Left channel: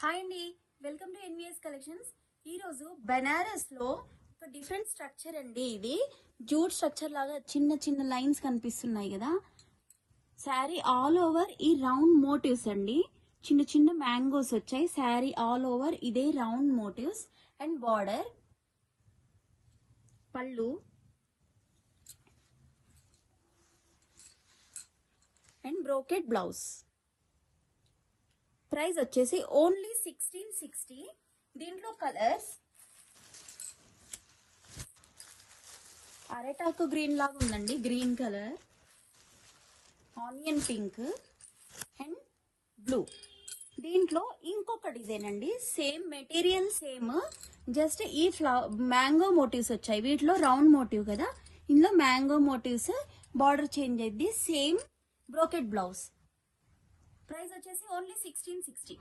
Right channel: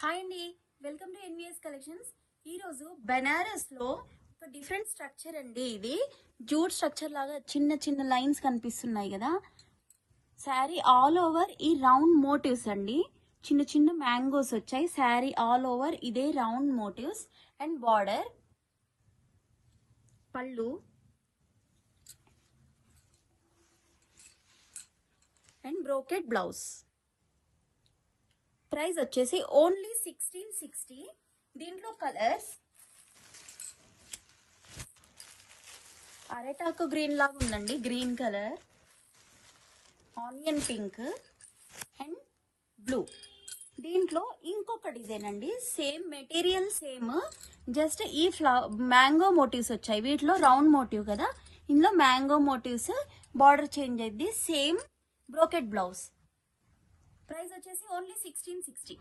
Hi అండి, welcome to NVS collections. ఈరోజు బెనారస్లో ఒక డిఫరెంట్ స్ట్రక్చర్ అండి. ఇది జూట్ స్ట్రక్చర్ లాగా చిన్న చిన్న లైన్స్ కనిపిస్తున్నాయి కదా. శారీ ఆల్ ఓవర్ ఈ రౌండ్ మోటివ్స్ అండి. చిన్న చిన్న మ్యాంగోస్ వచ్చాయి. శారీ ఆల్ ఓవర్ ఇదే రౌండ్ మోటివ్స్ అండ్ బార్డర్, పళ్ళు అండ్ బ్రోకెట్ బ్లౌజ్. ప్రైస్ వచ్చేసి ఓన్లీ 1660. దీంట్లో కలర్స్ అరెటాకు గ్రీన్ లాగా ఉందండి, green colour, onion pink and blue. దీంట్లో ఇంకొక డిజైన్ అండి, సేమ్ మెటీరియల్ సేమ్, జస్ట్ ఈ మ్యాంగో మోటివ్స్ వచ్చాయి. వీటిలో రౌండ్ మోటివ్ కదా, ఇందులో మ్యాంగో మోటివ్స్, బార్డర్ చేంజ్ అయింది, సేమ్ బ్రోకెట్ బ్లౌజ్. ప్రైస్ వచ్చేసి ఓన్లీ 1660.